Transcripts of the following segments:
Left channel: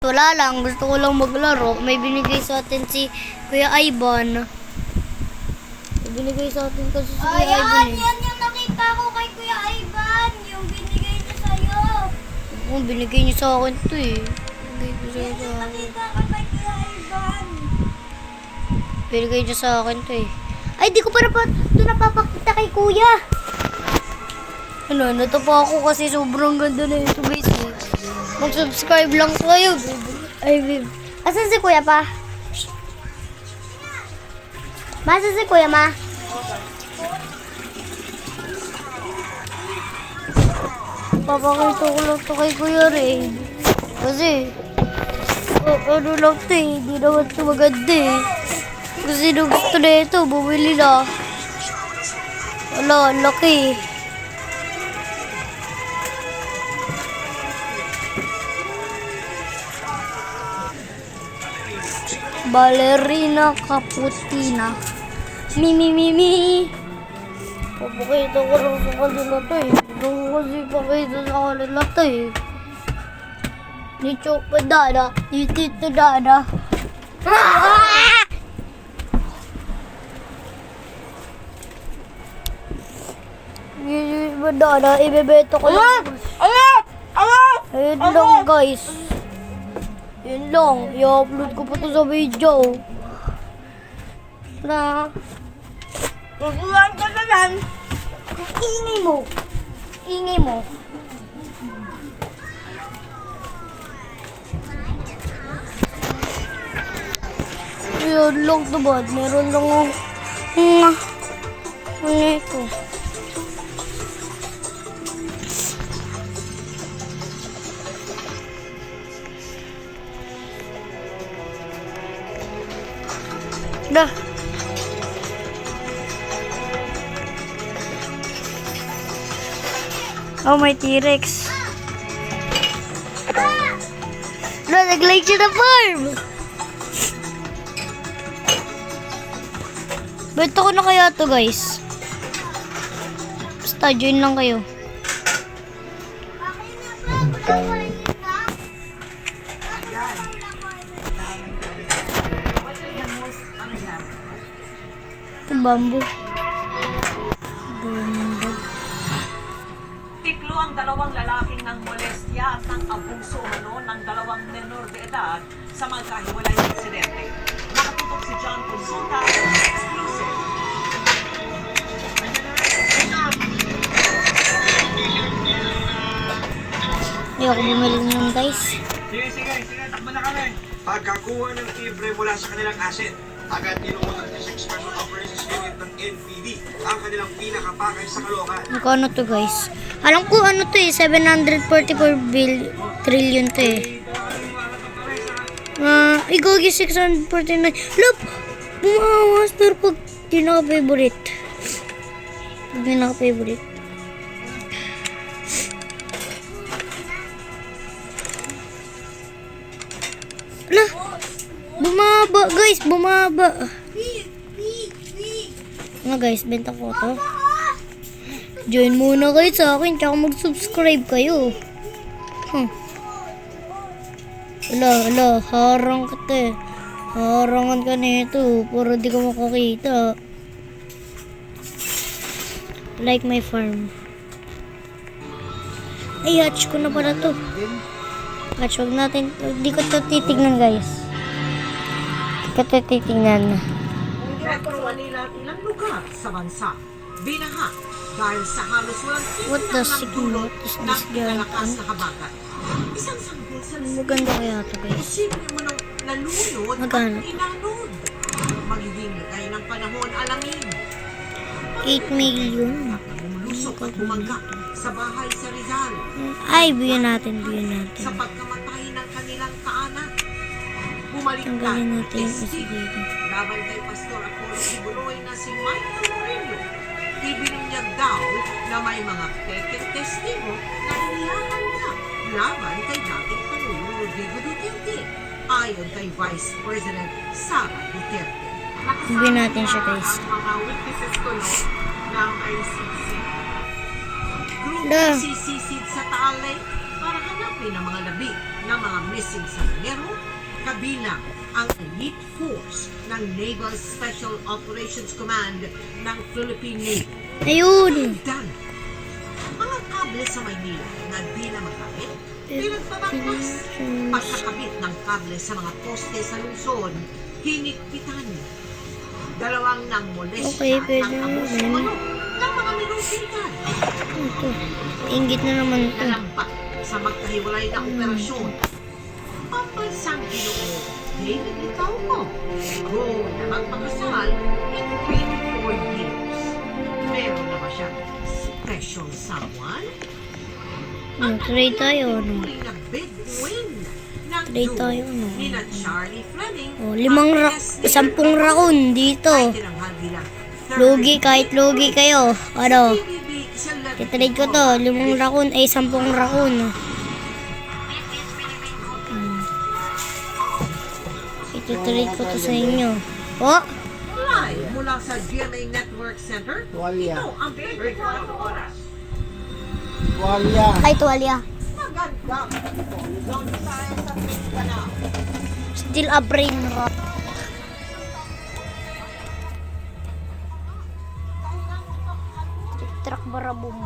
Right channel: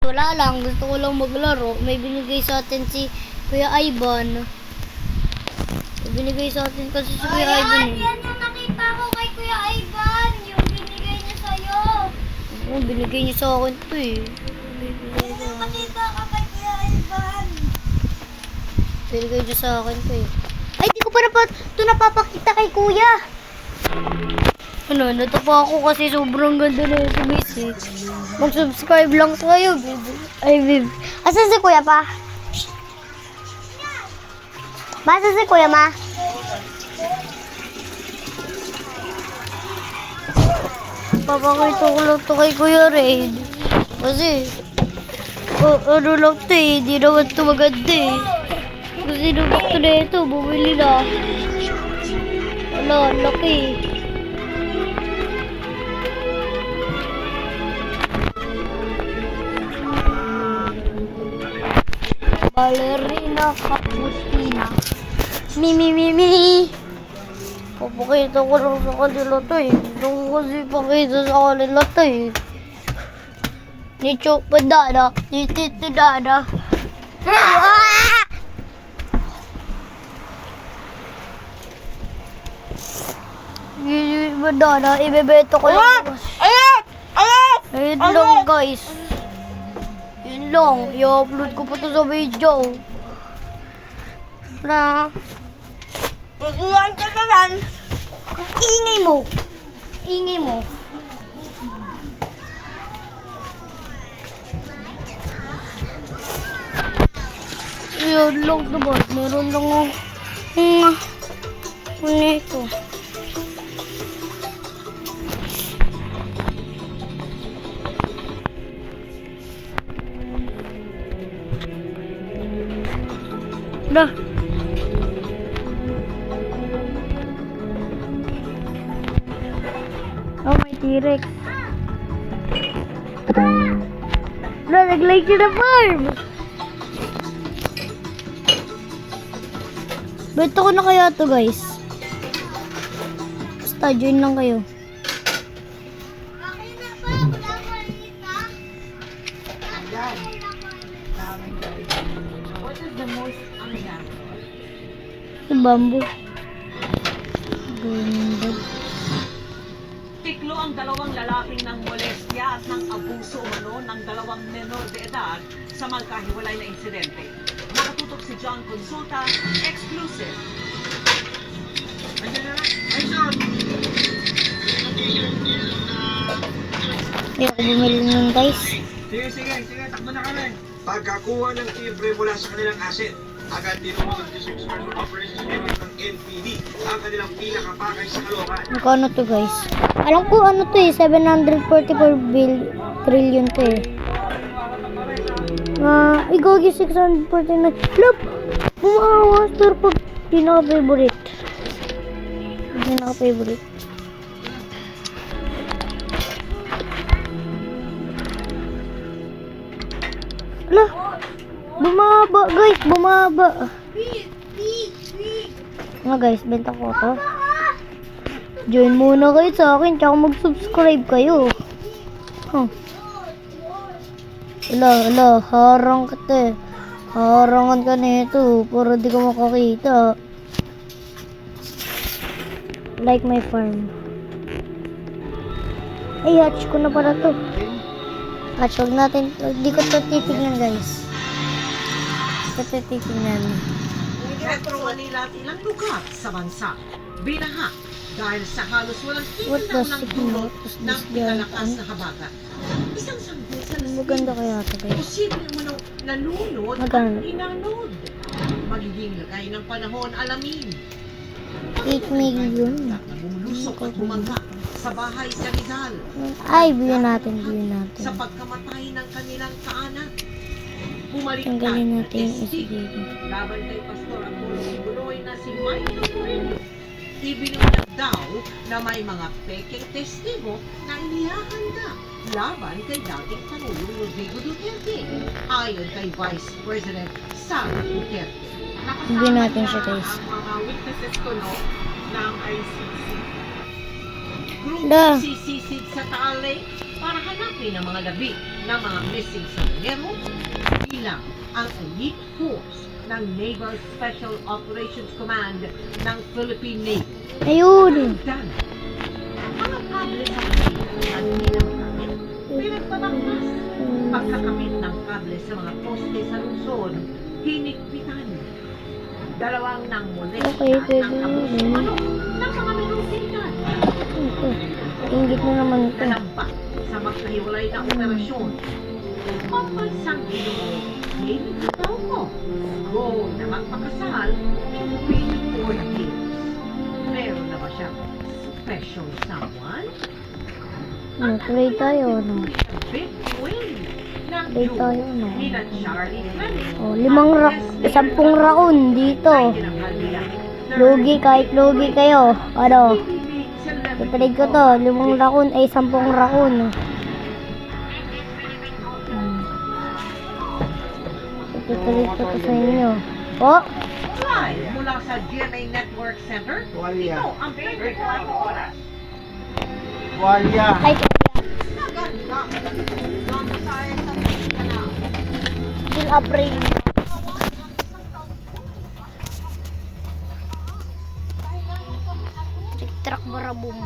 Wala lang, gusto ko lang maglaro. May binigay sa atin si Kuya Ivan. May binigay sa atin kasi si Kuya Ivan eh. Yan yung nakita ko kay Kuya Ivan. Yung binigay niya sa'yo. Oo, binigay niya sa akin to eh. Binigay niya Yan sa yung akin. nakita ko kay Kuya Ivan. Binigay niya sa akin to eh. Ay, di ko pa ito napapakita kay Kuya. Ano, natapa ako kasi sobrang ganda na ito guys eh. Mag-subscribe lang kayo, baby. Ay, baby. Asan si Kuya pa? Masa si Kuya ma? Papakita ko lang ito kay Kuya Red. Kasi, ano lang ito eh. Hindi naman ito maganda eh. Kasi nung gusto na ito, bumili na. Wala, ang laki. Ballerina Caputina. Mi. Papakita ko lang sa kanila to eh. Gusto ko kasi pakita sa kanila to eh. Ni Chopa Dada, ni Tito Dada. Ni Dada, ibebenta ko lang. Ayun lang guys. Yun lang, i-upload ko pa to sa video. Na. Usulan ka naman. Ingay mo. Ingay mo. Yun lang to ba? Meron lang ako. Ano ito? Dah. Oh, may T-Rex. Dah, nag-like siya na farm. Bento ko na kaya to guys. Basta, join lang kayo. Ito bamboo. Ganda. Tiklo ang dalawang lalaking ng molestya at ng abuso umano ng dalawang menor de edad sa magkahiwalay na insidente. Nakatutok si John Consulta, exclusive. Hindi ako bumili nun guys. Sige, takbo na kami. Pagkakuha ng libre mula sa kanilang asset, agad tinuod ng 6 Special Operations Unit ng NPD ang kanilang pinakapakay sa Caloocan. Magkano to guys? Alam ko ano to eh, 744 trillion to eh. Igagi 649. Lop! Bumawa master pag di naka-favorite. Di naka-favorite. Ala! Bumaba guys, bumaba. Nga guys, benta ko to. Join muna kayo sa akin, tsaka mag-subscribe kayo. Ala, harang ka te. Harangan ka nito, para di ka makakita. Like my farm. Ay, hatch ko na pala to. Hatch, huwag natin, di ko ito titignan guys. Di ko ito titignan. Ito walilat ilang lugar sa bansa. Binaha dahil sa halos walang What tingin does ng it nagdulot mean? What does ng this pinalakas mean? na habagat. Isang sanggol sa Maganda kaya to guys. posible mo nang nalunod Magkano? at inanod. Magiging lagay ng panahon alamin. 8 million. Bumulusok at bumangga sa bahay sa Rizal Ay, bigyan natin. sa pagkamatay ng kanilang kaanak. Bumalik Tanggalin natin yung isa testigo dito. laban kay Pastor at puro siguroy na si Michael Aurelio. Ibininyag daw na may mga peking testigo na inihahanda laban kay dating Pangulong Rodrigo Duterte ayon kay Vice President Sara Duterte. Bigyan natin siya guys. Ang mga witnesses kuno ng ICC. Group Da. sisisid sa Taal Lake para hanapin rescue ng mga labi ng mga missing submarino, kabilang ang elite force ng Naval Special Operations Command ng Philippine Navy. Ayun. Dan, mga kable sa Manila na di na magamit, pinagpabaklas. Pagkakabit ng kable sa mga poste sa lungsod, hinigpitan. Dalawang nang molesta Okay, at pwede ng abuso na yun. ng mga minubilitan. Ito. Ingit na naman ito. Nalambat sa magkahiwalay na operasyon. Pambansang Ginoo, David Licauco, grown na magpakasal in 24 years. Meron na ba siyang special someone? Try tayo. No? Big win ng Try duo tayo, no? nila Charlie Fleming Oh, at Leslie 10 raon dito. ay tinanghal bilang Lugi kahit lugi kayo. Ano? PBB Celebrity Titrade ko to. 5 raon ay 10 raon. Ititrade ko to sa inyo. Oh, Live mula sa GMA Network Center. Tuwalya. Ito ang 24 oras. Tuwalya. ay tuwalya. Naganda. Doon tayo sa Mindanao. Still a brain rot. Truck barabum.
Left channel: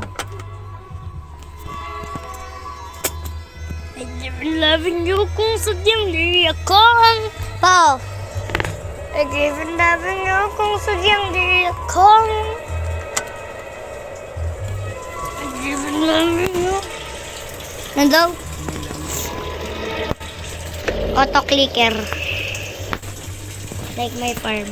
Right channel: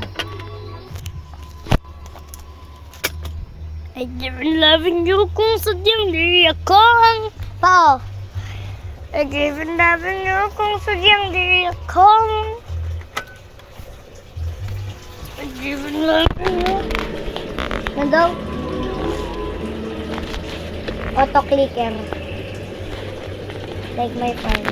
I've been loving you kung sadyang di ako ang Paul. I've been loving you kung sadyang di ako ang I've been loving you. Ano daw? Auto clicker. Like my farm.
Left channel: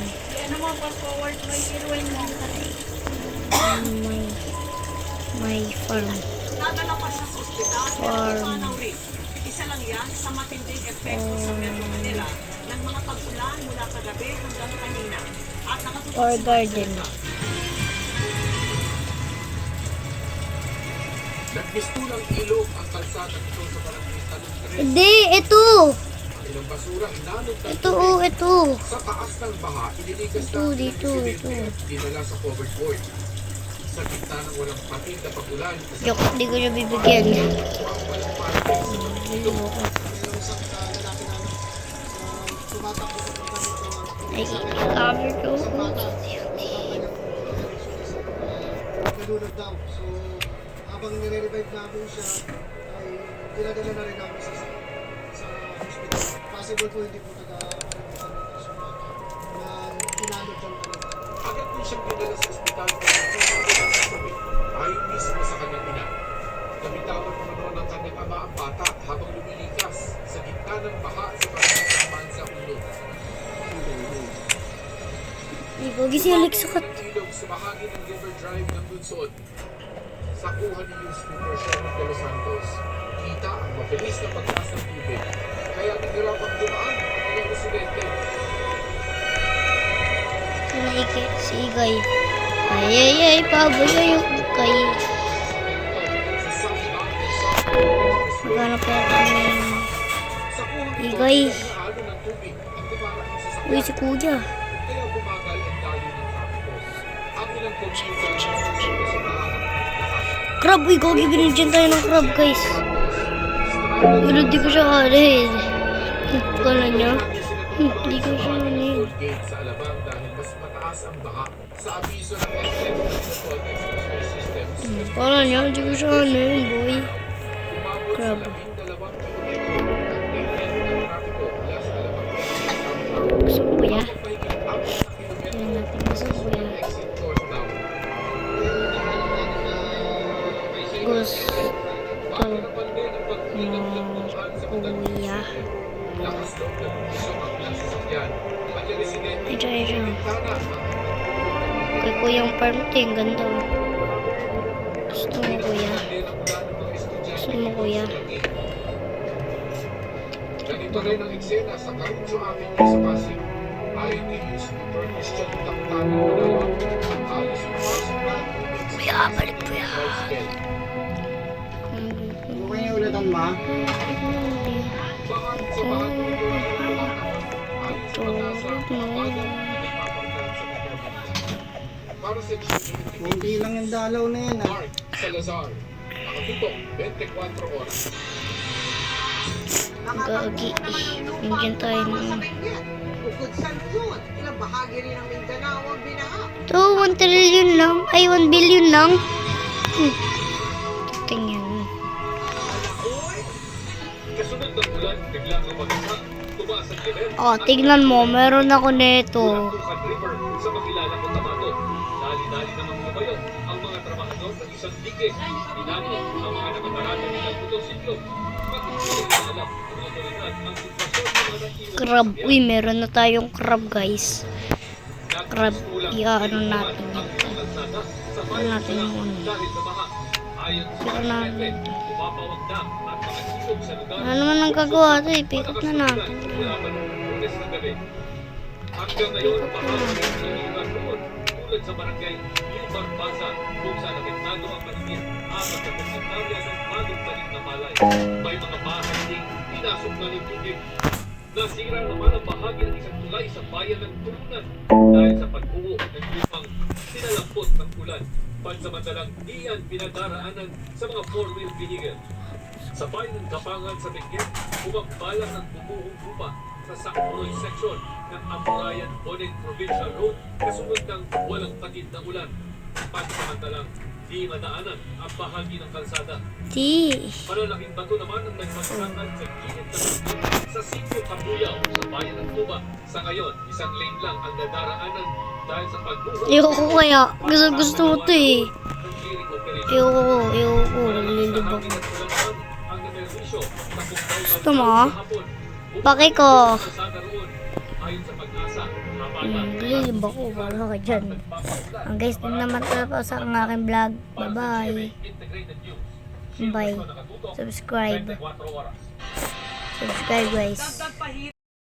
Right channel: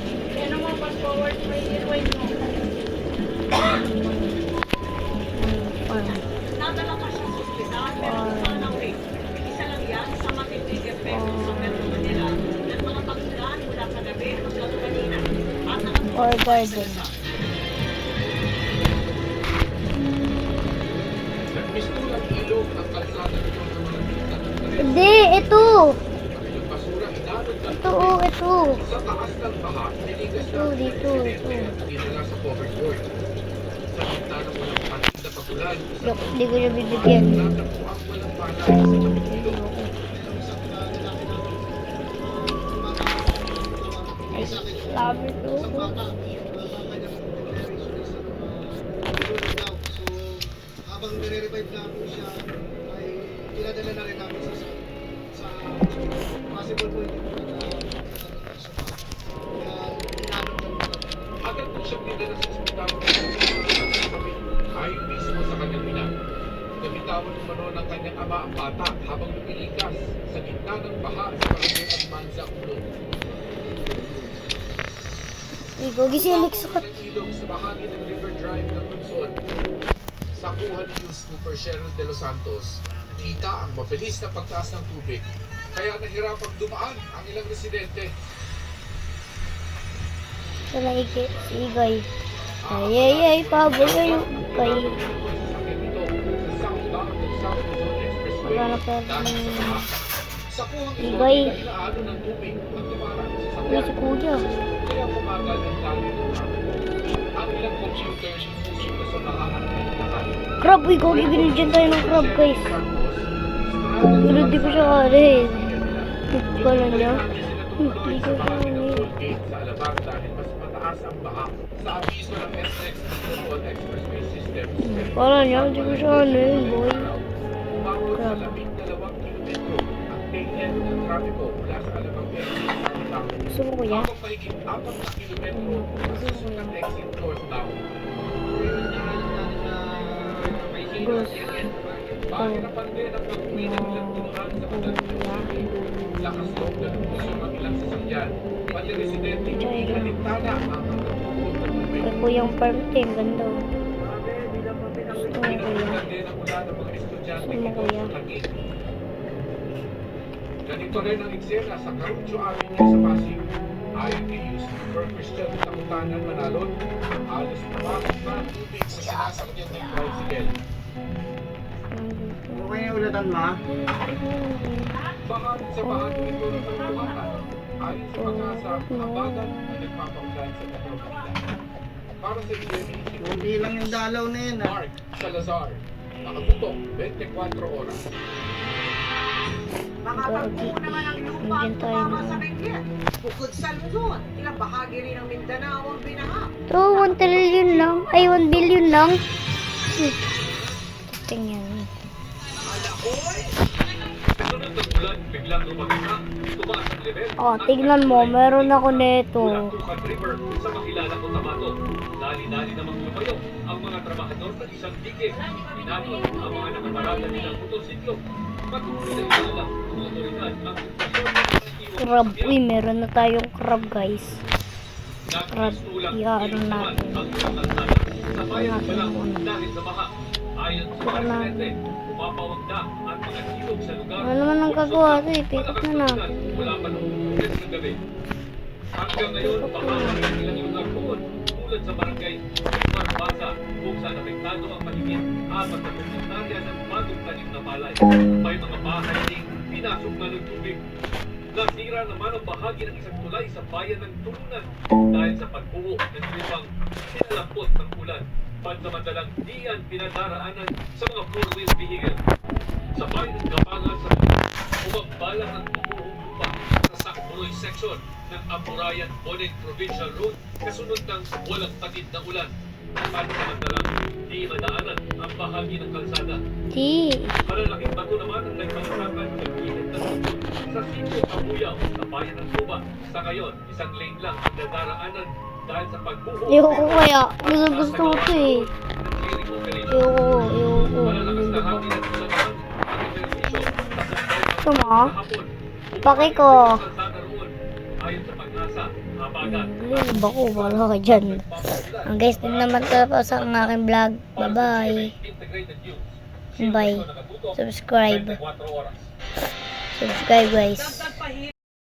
My farm. Nadala pa siya sa ospital pero ipanaw rin. Isa lang yan sa matinding epekto sa Metro Manila ng mga pag-ulan mula kagabi hanggang kanina. At Or garden. Nagmistulang ilog ang kalsada nito sa Malanditan ng Talim. Hindi, ito. Ang basura inalot ng Ito, oh, ito. sa taas ng baha, iniligas Ito, na dito, ito. at dinala sa covered board. Sa gitna ng walang patid na pagulan, Joke, di ko siya bibigyan. natagpo ang walang malay sa matinding ilog. Ay, kami ko. Tulog daw. So, habang nire-revive na po siya, ay dinadala na rin namin sa hospital. Possible po hindi po na inanod lang po. Agad po siyang dinala sa ospital ayon mismo sa kanyang ina. Nabitawan umano ng kanyang ama ang bata habang lumilikas sa gitna ng baha sa barangay ng Manza, Ulo. Hindi ko gisilik sa kat. Ng ilog sa bahagi ng River Drive ng Luzon. Sa kuha ni Newspaper Sherry de los Santos, kita ang mabilis na pagtaas ng tubig. Kaya nahirapang dumaan ang ilang residente. Sa naiki, si Igay. Ay, pabagay yung kay. Ito, sa southbound and southbound expressway. Maghanap ko kami. Sa kuhang ito, Igay. inaalo ng tubig ang tumarang sa Uy, si Kuya. Kaya bumagal ang dami ng trapiko. Ang ilang computer na susunda sa baha at nagtakas. Crab, uy, Gogi, binigyan tayo ng crab, guys. Pero di ko siya kanin. Kala niya. Di ko siya kanin. Gate sa Alabang dahil mas mataas ang baha sa abiso ng SM Metropolitan Expressway Systems. Kala niya, di ko siya kanin, boy. Umabot sa 12 kilometro ang tail end ng trapiko mula sa Alabang downtown. Gusto mo, Kuya? Habang mahigit 4 na kilometro Gusto mo, Kuya? ang exit northbound. Gusto Pahirapan din ang pagpinag ng dumaan sa Kuya. lakas loob na lumusong ang ilang sasakyan. Pati residente, Ay, try siya. bintana ang nagpupulong na tubig. Kay Kuyang farm to, ang ganda. Oh. Gusto mo, Kuya? Din ang ulan ng mga estudyante Gusto mo, Kuya? sa Taguig. Ganito rin ang eksena sa Caruncho Avenue sa Pasig. Ayon kay newspaper Christian Kapitan ng Manalon, halos pumasok na ang tubig sa Kuya, balik, Kuya. dry spell. Ano kaya ulatan ma? Baka sa bahagi nito ng Bulacan, ayon sa pag-asa, ang bagal na nagpapagdaan sa Metro Manila. Para sa GMA, Kunti lang yung dalaw na yan ah. Mark Salazar, nakatutok 24 oras. Gagi. Nandiyan tayo na. Bukod sa Luzon, ilang bahagi rin ng Mindanao ang binaha. Ito, 1 trillion lang. Ay, 1 billion lang. Tingnan. Kasunod ng ulan, biglang lumagsak, tumaas ang level. Oh, tignan mo. Meron ako nito. Tukan River sa makilala kong Tabato. Dali-dali namang lumayo ang mga trabahador ng isang dike. Inanod ang mga nakaparada nilang motorsiklo. Patuloy na alam ng otoridad ang sitwasyon ng mga iwan Crab. sa Uy, meron na tayong crab, guys. sakyan. Crab. Nagsistulang Ano naman natin. ang mga kalsada sa bayan natin ng yung ano. dahil sa baha. Ayon sa Sira mga natin. presidente, umapawag na at mga ilog sa lugar. Ano naman ang gagawa ito? Ipikot na natin. Mula pa noong Lunes ng gabi. Hanggang ngayon, Ipikot baka na. ang ilang lugar doon, tulad sa barangay Basa, kung saan apektado ang mahigit 4 na hektarya ng bagong tanim na palay. May mga bahay ding pinasok na ng tubig. Nasira naman ang bahagi ng isang tulay sa bayan ng Turunan dahil sa pagbuo ng lupang sinalampot ng ulan. Pansamantalang diyan pinadaraanan sa mga four-wheel vehicle. Sa bayan ng Gapangan sa Bicol, umabalang ng bubuong lupa sa Sakpuroy section ng Apurayan Boneg Provincial Road kasunod ng walang patid na ulan. Pansamantalang di madaanan ang bahagi ng kalsada. Di. Malalaking bato naman ang nagbagsakan sa gilid ng tubig sa Sitio Kabuyaw sa bayan ng Tuba. Sa ngayon, isang lane lang ang nadaraanan dahil sa pagbuho. Ayoko kaya. Gusto ko ito eh. Ayoko. Lilibang ko. Gusto mo? Paki ko. Ayon sa pag-asa, habagat. Lilibang ko. Wala ka dyan. Ang guys, din naman tapos ang aking vlog. Bye-bye. Bye. Subscribe. Subscribe guys. Dagdag pahirap